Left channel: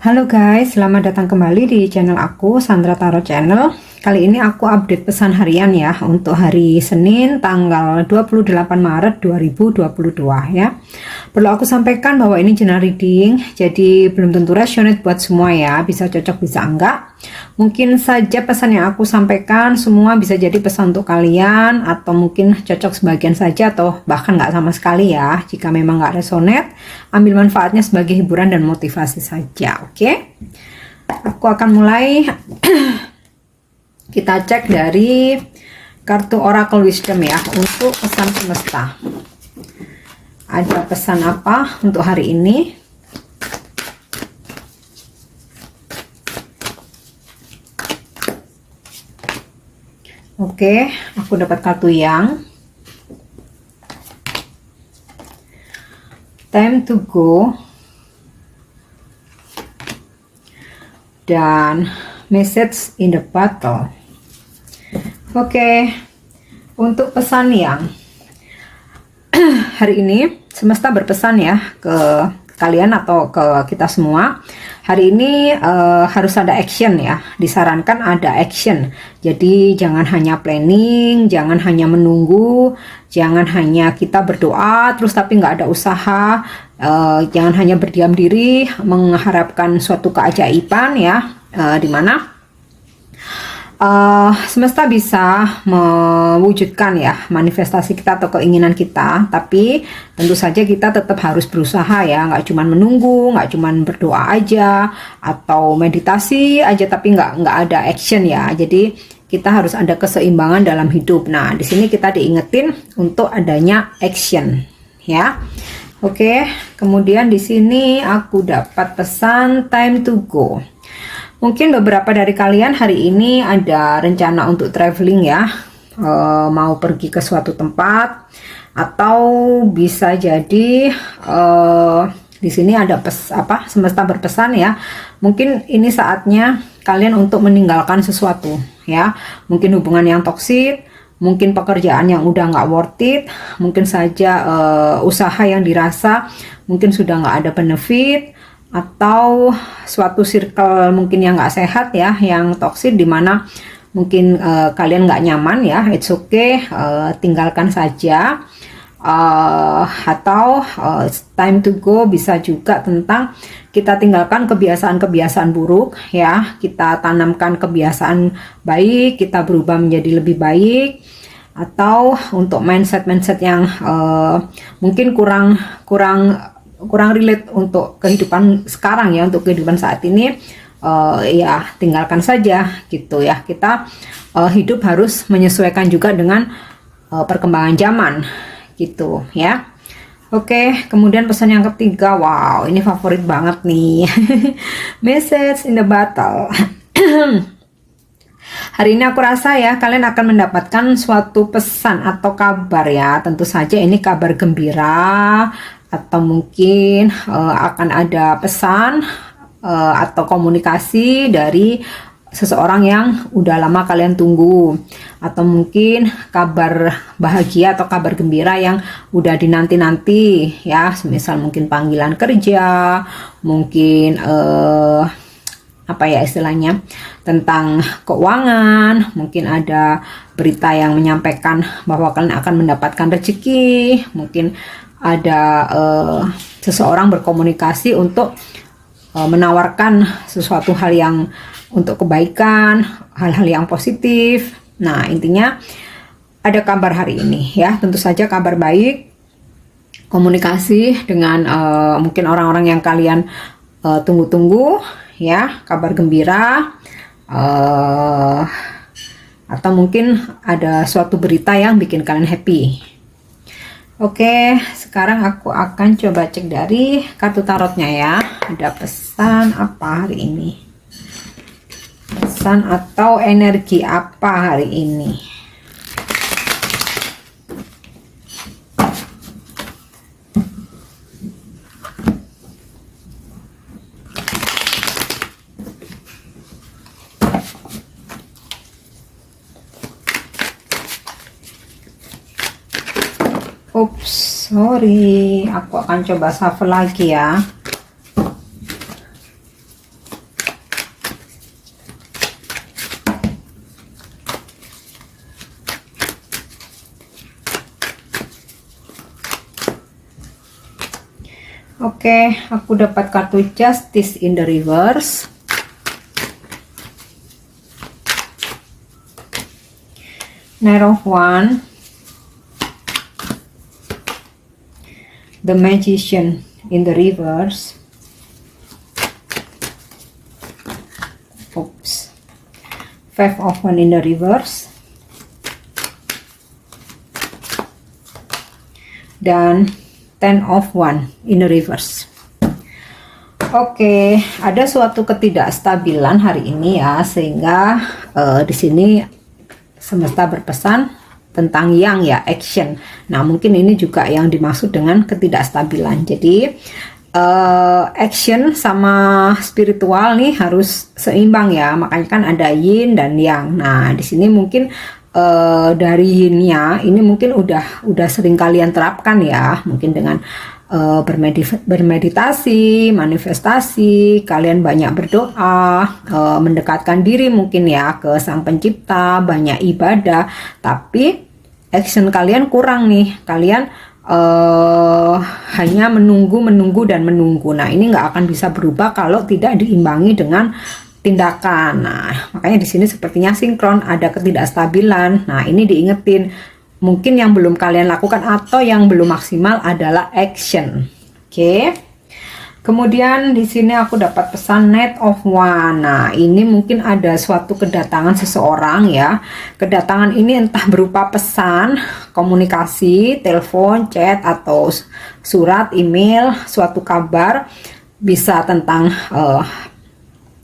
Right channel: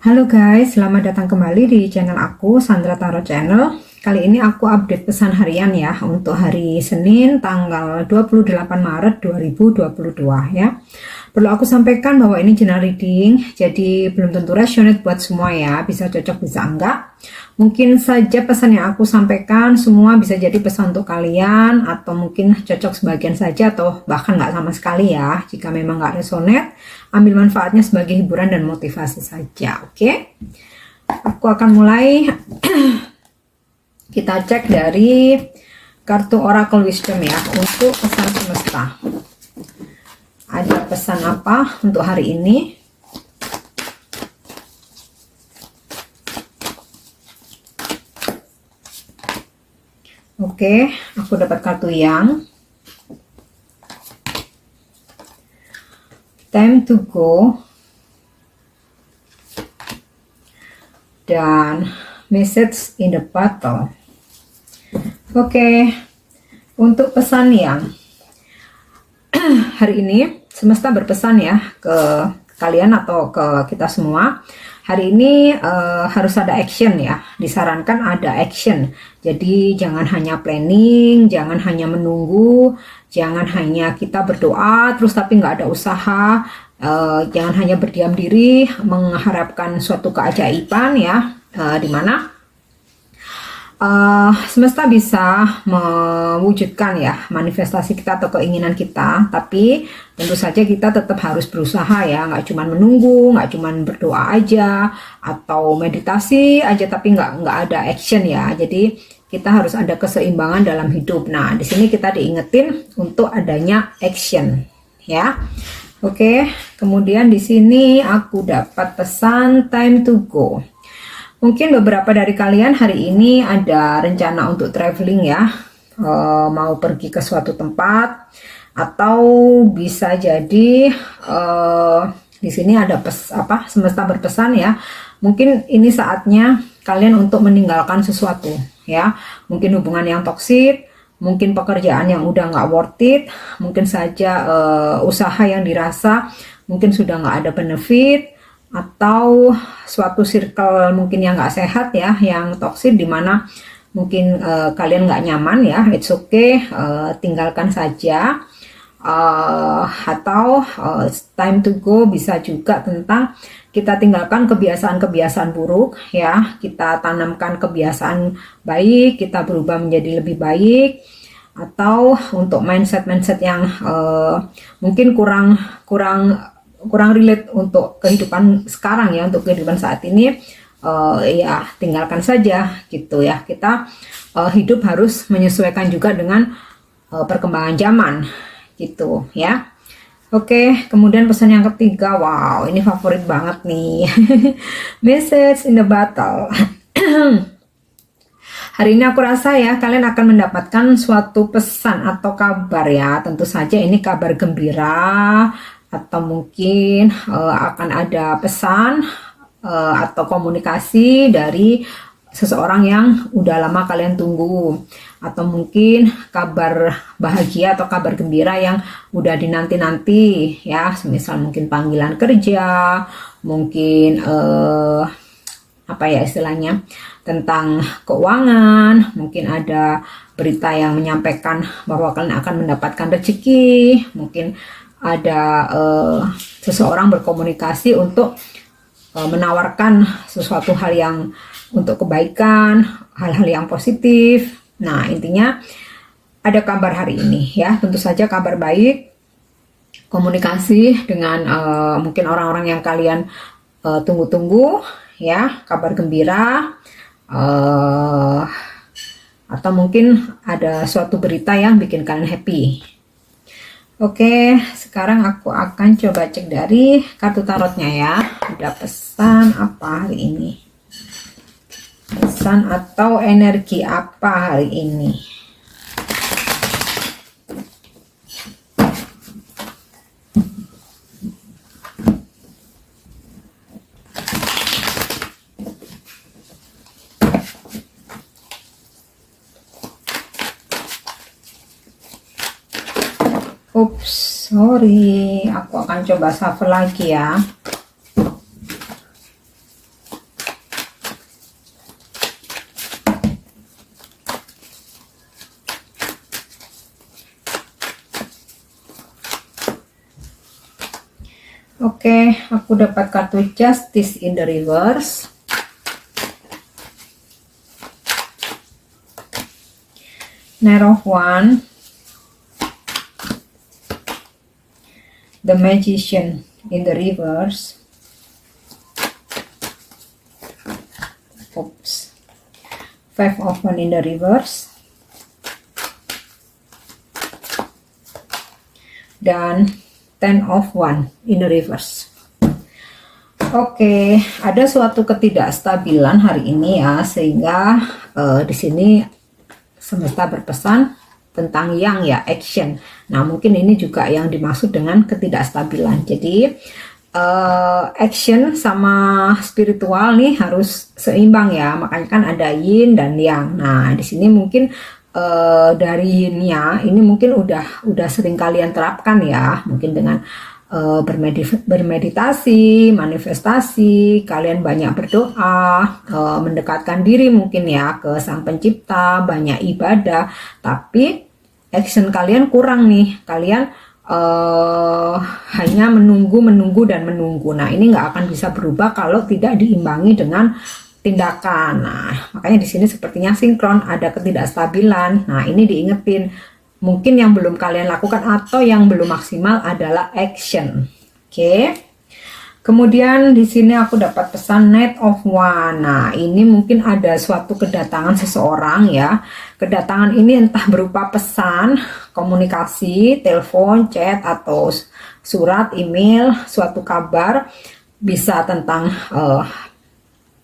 Halo guys, selamat datang kembali di channel aku, Sandra Tarot Channel. Kali ini aku update pesan harian ya, untuk hari Senin tanggal 28 Maret 2022 ya. Perlu aku sampaikan bahwa ini general reading, jadi belum tentu resonate buat semua ya, bisa cocok bisa enggak. Mungkin saja pesan yang aku sampaikan semua bisa jadi pesan untuk kalian, atau mungkin cocok sebagian saja atau bahkan nggak sama sekali ya. Jika memang nggak resonate, ambil manfaatnya sebagai hiburan dan motivasi saja, oke? Aku akan mulai. Kita cek dari kartu Oracle Wisdom ya, untuk pesan semesta. Ada pesan apa untuk hari ini? Oke, aku dapat kartu yang Time to Go dan Message in the Battle. Oke, untuk pesan yang hari ini semesta berpesan ya ke kalian atau ke kita semua. Hari ini harus ada action ya, disarankan ada action. Jadi jangan hanya planning, jangan hanya menunggu, jangan hanya kita berdoa terus tapi nggak ada usaha, jangan hanya berdiam diri mengharapkan suatu keajaiban ya, dimana semesta bisa mewujudkan ya manifestasi kita atau keinginan kita, tapi tentu saja kita tetap harus berusaha ya, nggak cuma menunggu, nggak cuma berdoa aja atau meditasi aja tapi nggak ada action ya. Jadi kita harus ada keseimbangan dalam hidup. Nah, di sini kita diingetin untuk adanya action ya. Oke, kemudian di sini aku dapat pesan time to go. Mungkin beberapa dari kalian hari ini ada rencana untuk traveling ya, mau pergi ke suatu tempat, atau bisa jadi di sini ada semesta berpesan ya. Mungkin ini saatnya kalian untuk meninggalkan sesuatu ya, mungkin hubungan yang toksik, mungkin pekerjaan yang udah nggak worth it, mungkin saja usaha yang dirasa mungkin sudah nggak ada benefit, atau suatu circle mungkin yang nggak sehat ya, yang toksik, dimana mungkin kalian nggak nyaman ya. It's okay, tinggalkan saja. Atau time to go bisa juga tentang kita tinggalkan kebiasaan-kebiasaan buruk ya, kita tanamkan kebiasaan baik, kita berubah menjadi lebih baik. Atau untuk mindset yang mungkin kurang relate untuk kehidupan sekarang ya, untuk kehidupan saat ini, ya tinggalkan saja gitu ya. Kita hidup harus menyesuaikan juga dengan perkembangan zaman gitu ya. Oke, kemudian pesan yang ketiga, wow ini favorit banget nih. Message in the Battle. Hari ini aku rasa ya kalian akan mendapatkan suatu pesan atau kabar ya. Tentu saja ini kabar gembira, atau mungkin akan ada pesan atau komunikasi dari seseorang yang udah lama kalian tunggu, atau mungkin kabar bahagia atau kabar gembira yang udah dinanti-nanti ya, misal mungkin panggilan kerja, mungkin apa ya istilahnya, tentang keuangan, mungkin ada berita yang menyampaikan bahwa kalian akan mendapatkan rezeki, mungkin ada seseorang berkomunikasi untuk menawarkan sesuatu hal yang untuk kebaikan, hal-hal yang positif. Nah, intinya ada kabar hari ini ya, tentu saja kabar baik, komunikasi dengan mungkin orang-orang yang kalian tunggu-tunggu ya, kabar gembira, atau mungkin ada suatu berita yang bikin kalian happy. Oke, sekarang aku akan coba cek dari kartu tarotnya ya. Ada pesan apa hari ini? Pesan atau energi apa hari ini? Oops, sorry, aku akan coba shuffle lagi ya. Oke, aku dapat kartu Justice in the reverse. Knight of Wands, the Magician in the reverse. Oops. Five of Wands in the reverse. Dan Ten of Wands in the reverse. Oke, ada suatu ketidakstabilan hari ini ya, sehingga di sini semesta berpesan tentang yang ya action. Nah, mungkin ini juga yang dimaksud dengan ketidakstabilan. Jadi action sama spiritual nih harus seimbang ya. Makanya kan ada yin dan yang. Nah, di sini mungkin dari yin-nya ini mungkin udah sering kalian terapkan ya. Mungkin dengan bermeditasi, manifestasi, kalian banyak berdoa, mendekatkan diri mungkin ya ke Sang Pencipta, banyak ibadah, tapi action kalian kurang nih. Kalian hanya menunggu dan menunggu. Nah, ini nggak akan bisa berubah kalau tidak diimbangi dengan tindakan. Nah, makanya di sini sepertinya sinkron, ada ketidakstabilan. Nah, ini diingetin. Mungkin yang belum kalian lakukan atau yang belum maksimal adalah action. Oke. Kemudian di sini aku dapat pesan Knight of Wands. Nah, ini mungkin ada suatu kedatangan seseorang ya. Kedatangan ini entah berupa pesan, komunikasi, telepon, chat, atau surat, email, suatu kabar. Bisa tentang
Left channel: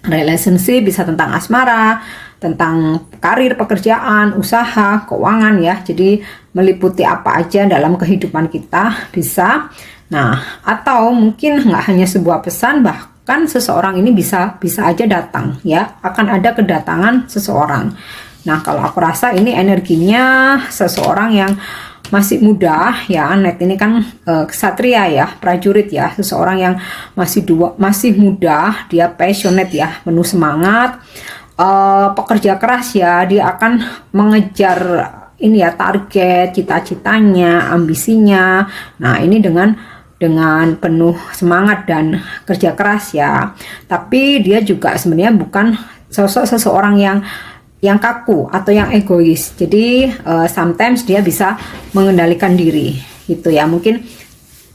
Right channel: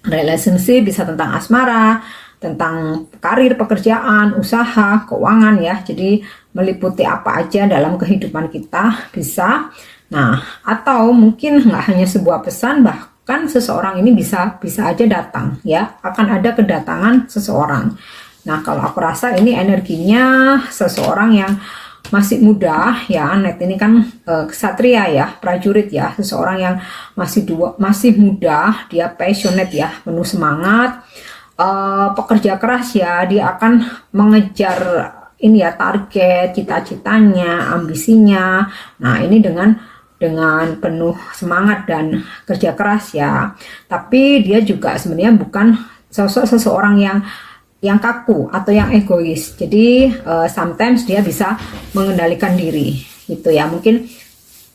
relationship, bisa tentang asmara, tentang karir, pekerjaan, usaha, keuangan ya. Jadi meliputi apa aja dalam kehidupan kita bisa. Nah, atau mungkin nggak hanya sebuah pesan, bahkan seseorang ini bisa aja datang ya. Akan ada kedatangan seseorang. Nah, kalau aku rasa ini energinya seseorang yang masih muda ya. Knight ini kan ksatria ya, prajurit ya. Seseorang yang masih muda, dia passionate ya, penuh semangat. Pekerja keras ya, dia akan mengejar ini ya, target, cita-citanya, ambisinya. Nah, ini dengan penuh semangat dan kerja keras ya. Tapi dia juga sebenarnya bukan sosok seseorang yang kaku atau yang egois. Jadi sometimes dia bisa mengendalikan diri gitu ya. Mungkin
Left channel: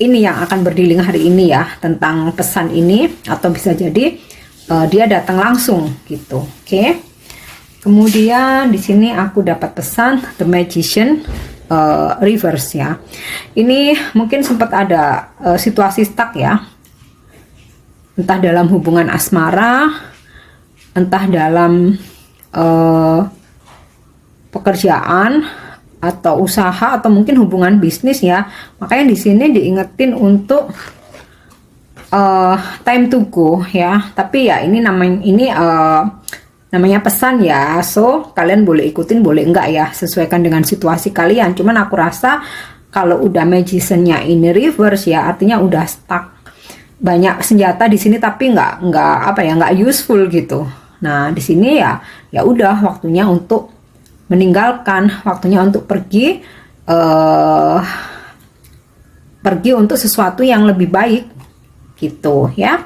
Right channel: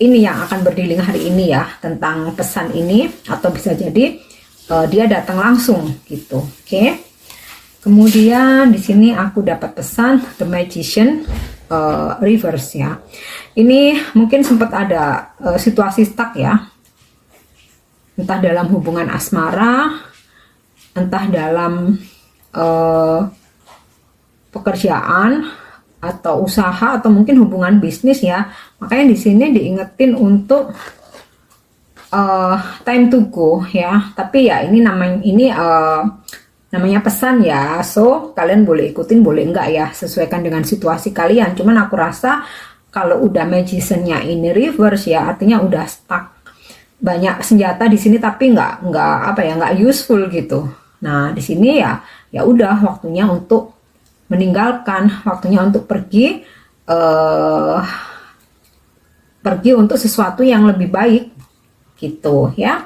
ini yang akan berdiling hari ini ya, tentang pesan ini, atau bisa jadi dia datang langsung gitu. Oke. Kemudian di sini aku dapat pesan The Magician reverse ya. Ini mungkin sempat ada situasi stuck ya. Entah dalam hubungan asmara, entah dalam pekerjaan atau usaha, atau mungkin hubungan bisnis ya. Makanya di sini diingetin untuk time to go ya. Tapi ya ini namanya pesan ya. So kalian boleh ikutin, boleh enggak ya, sesuaikan dengan situasi kalian. Cuman aku rasa kalau udah magician-nya ini reverse ya, artinya udah stuck. Banyak senjata di sini tapi nggak useful gitu. Nah, di sini ya udah waktunya untuk meninggalkan, waktunya untuk pergi untuk sesuatu yang lebih baik gitu ya.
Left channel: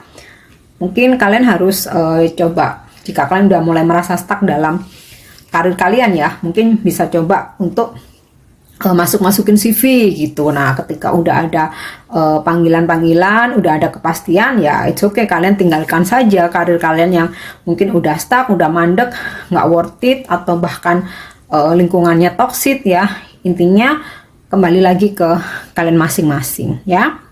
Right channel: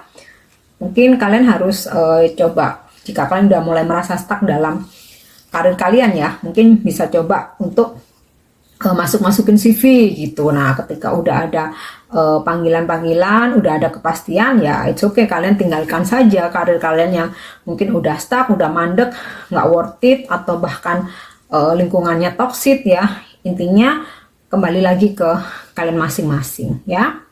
Mungkin kalian harus coba, jika kalian udah mulai merasa stuck dalam karir kalian ya, mungkin bisa coba untuk masukin CV gitu. Nah, ketika udah ada panggilan-panggilan, udah ada kepastian ya, it's okay, kalian tinggalkan saja karir kalian yang mungkin udah stuck, udah mandek, nggak worth it, atau bahkan lingkungannya toxic ya. Intinya kembali lagi ke kalian masing-masing ya.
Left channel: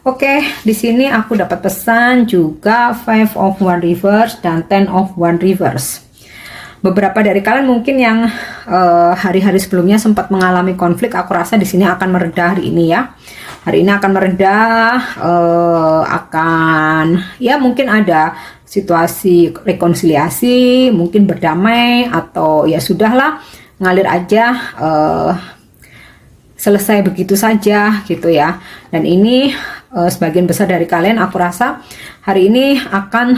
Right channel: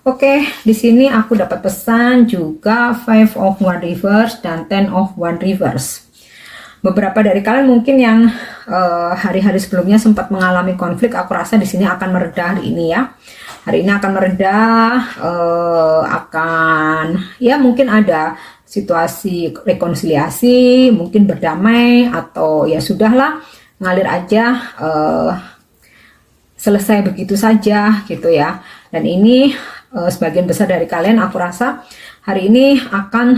Oke, di sini aku dapat pesan juga Five of Wands reverse dan Ten of Wands reverse. Beberapa dari kalian mungkin yang hari-hari sebelumnya sempat mengalami konflik, aku rasa di sini akan mereda hari ini ya. Hari ini akan mereda, mungkin ada situasi rekonsiliasi, mungkin berdamai, atau ya sudahlah, ngalir aja, selesai begitu saja gitu ya. Dan ini sebagian besar dari kalian aku rasa hari ini akan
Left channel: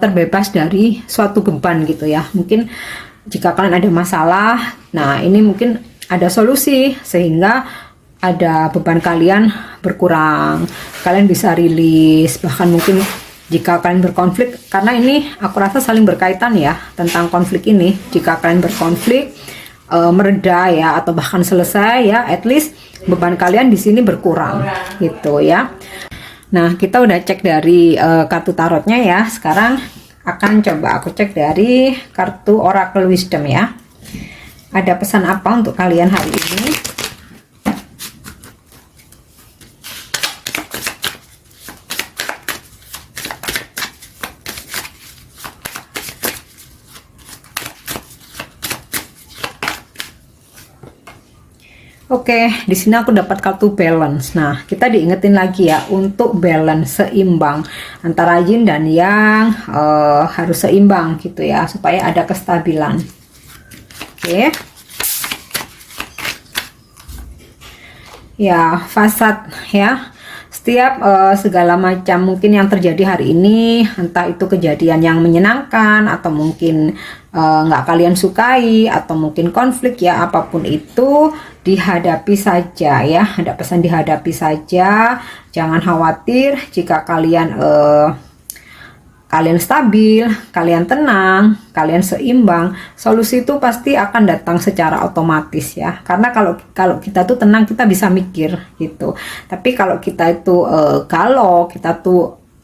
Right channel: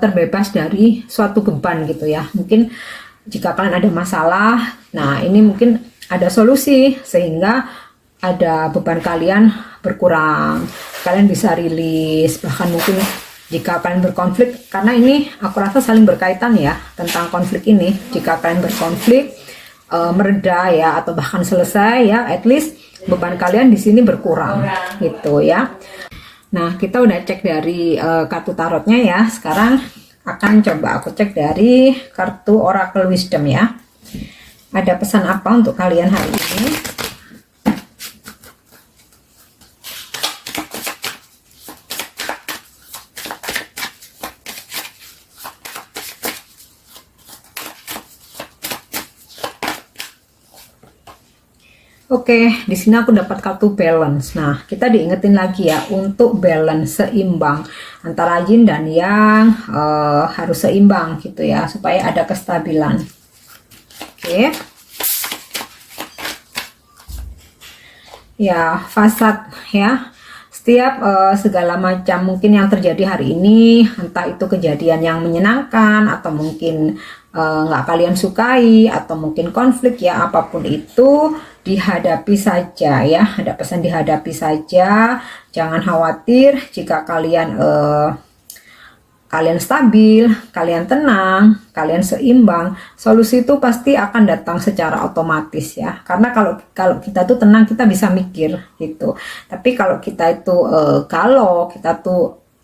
terbebas dari suatu beban gitu ya. Mungkin jika kalian ada masalah, nah ini mungkin ada solusi sehingga ada beban kalian berkurang, kalian bisa rilis, bahkan mungkin jika kalian berkonflik, karena ini aku rasa saling berkaitan ya tentang konflik ini. Jika kalian berkonflik mereda ya, atau bahkan selesai ya, at least beban kalian di sini berkurang gitu ya. Nah, kita udah cek dari kartu tarotnya ya. Sekarang akan coba aku cek dari kartu Oracle Wisdom ya. Ada pesan apa untuk kalian hari ini? Oke, di sini aku dapat kartu balance. Nah, kita diingetin lagi ya untuk balance, seimbang antara yin dan yang, harus seimbang gitu ya, supaya ada kestabilan. Oke. Ya, fasad ya. Setiap segala macam mungkin yang terjadi hari ini, entah itu kejadian yang menyenangkan atau mungkin nggak kalian sukai, atau mungkin konflik ya, apapun itu dihadapi saja ya. Ada pesan dihadapi saja, jangan khawatir. Jika kalian stabil, kalian tenang, kalian seimbang, solusi itu pasti akan datang secara otomatis ya. Karena kalau kita tuh tenang, kita bisa mikir gitu. Tapi kalau kita itu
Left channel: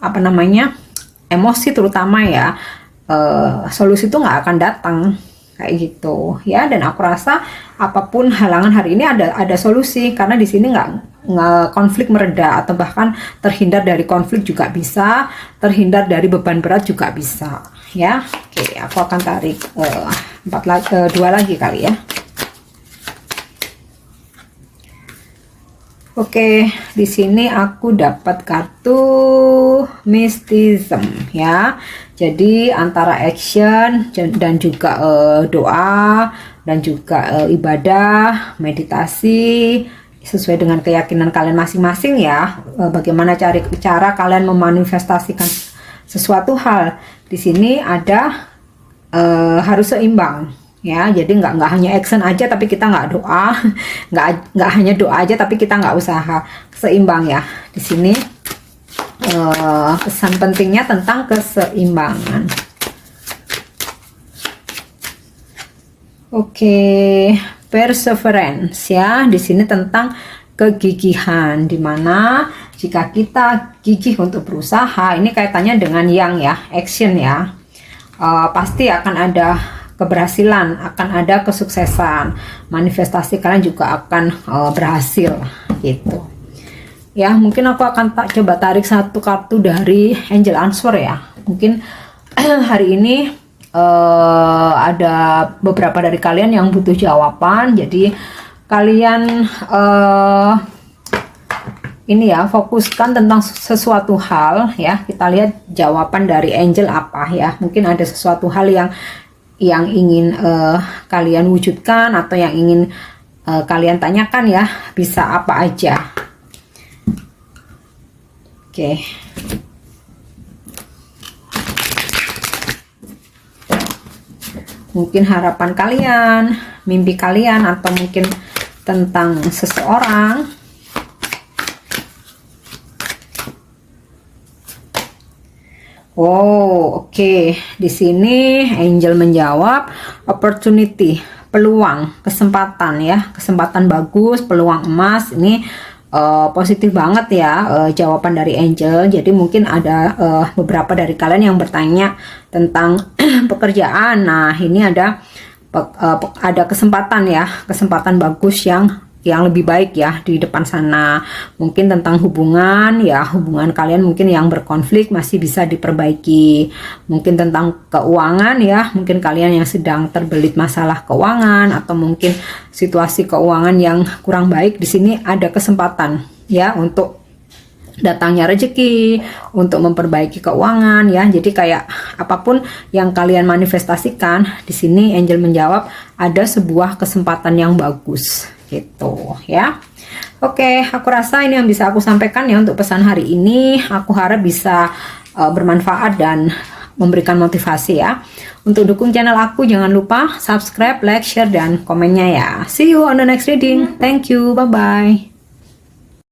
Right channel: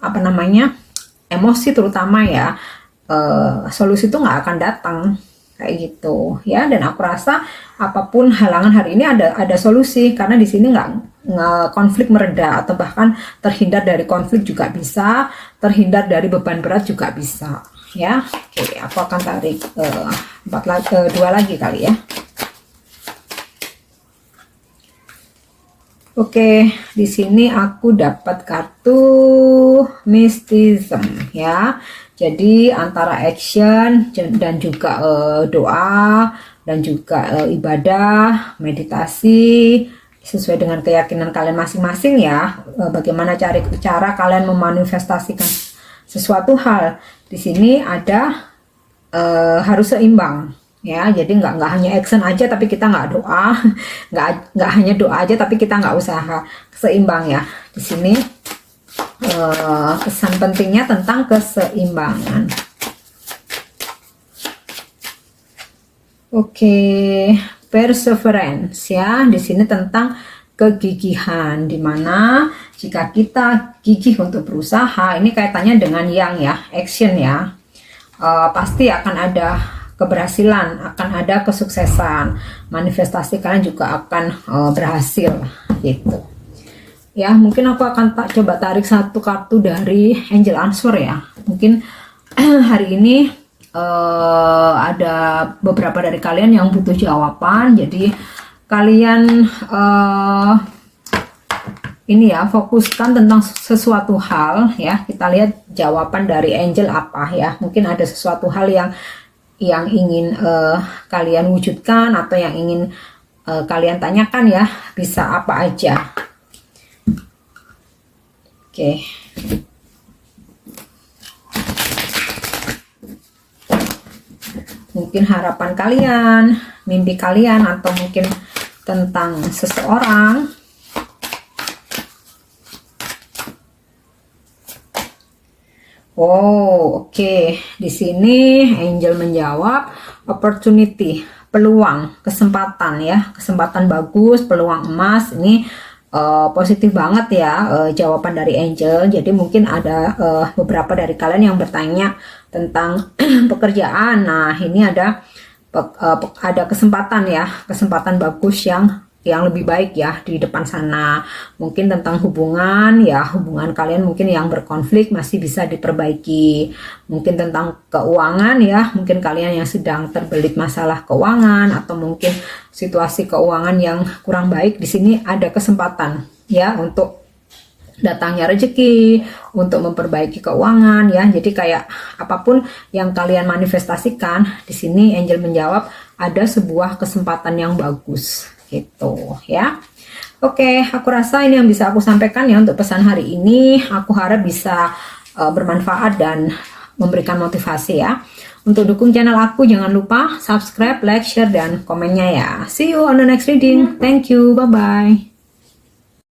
apa namanya, emosi terutama ya, solusi itu nggak akan datang kayak gitu ya. Dan aku rasa apapun halangan hari ini ada solusi, karena di sini nggak konflik mereda, atau bahkan terhindar dari konflik juga bisa, terhindar dari beban berat juga bisa ya. Oke, aku akan tarik 2 lagi kali ya. Oke, di sini aku dapat kartu mysticism ya. Jadi antara action dan juga doa, dan juga ibadah, meditasi, sesuai dengan keyakinan kalian masing-masing ya. Bagaimana cara kalian memanifestasikan sesuatu hal. Di sini ada harus seimbang ya. Jadi nggak hanya action aja tapi kita nggak doa, nggak hanya doa aja tapi kita nggak usaha. Seimbang ya. Di sini pesan pentingnya tentang keseimbangan. Oke, perseverance ya. Di sini tentang kegigihan, dimana jika kita gigih untuk berusaha, ini kaitannya dengan yang ya, action ya, pasti akan ada keberhasilan, akan ada kesuksesan, manifestasi kalian juga akan berhasil gitu ya. Mungkin aku akan coba tarik satu kartu dari Angel Answer ya. Mungkin hari ini ada beberapa dari kalian yang butuh jawaban, jadi kalian ini ya, fokuskan tentang sesuatu hal ya. Kita lihat jawaban dari angel apa ya. Mungkin ada sesuatu hal yang ingin kalian wujudkan, atau yang ingin kalian tanyakan ya, bisa apa aja. Oke. Mungkin harapan kalian, mimpi kalian, atau mungkin tentang seseorang. Oh, oke. Di sini angel menjawab opportunity, peluang, kesempatan ya, kesempatan bagus, peluang emas. Ini positif banget ya jawaban dari angel. Jadi mungkin ada beberapa dari kalian yang bertanya tentang pekerjaan. Nah, ini ada kesempatan ya, kesempatan bagus yang lebih baik ya di depan sana. Mungkin tentang hubungan ya, hubungan kalian mungkin yang berkonflik masih bisa diperbaiki. Mungkin tentang keuangan ya, mungkin kalian yang sedang terbelit masalah keuangan, atau mungkin situasi keuangan yang kurang baik. Di sini ada kesempatan ya untuk datangnya rezeki, untuk memperbaiki keuangan ya. Jadi kayak apapun yang kalian manifestasikan, di sini angel menjawab ada sebuah kesempatan yang bagus gitu ya. Oke, aku rasa ini yang bisa aku sampaikan ya untuk pesan hari ini. Aku harap bisa bermanfaat dan memberikan motivasi ya. Untuk dukung channel aku, jangan lupa subscribe, like, share, dan komennya ya. See you on the next reading. Thank you, bye bye.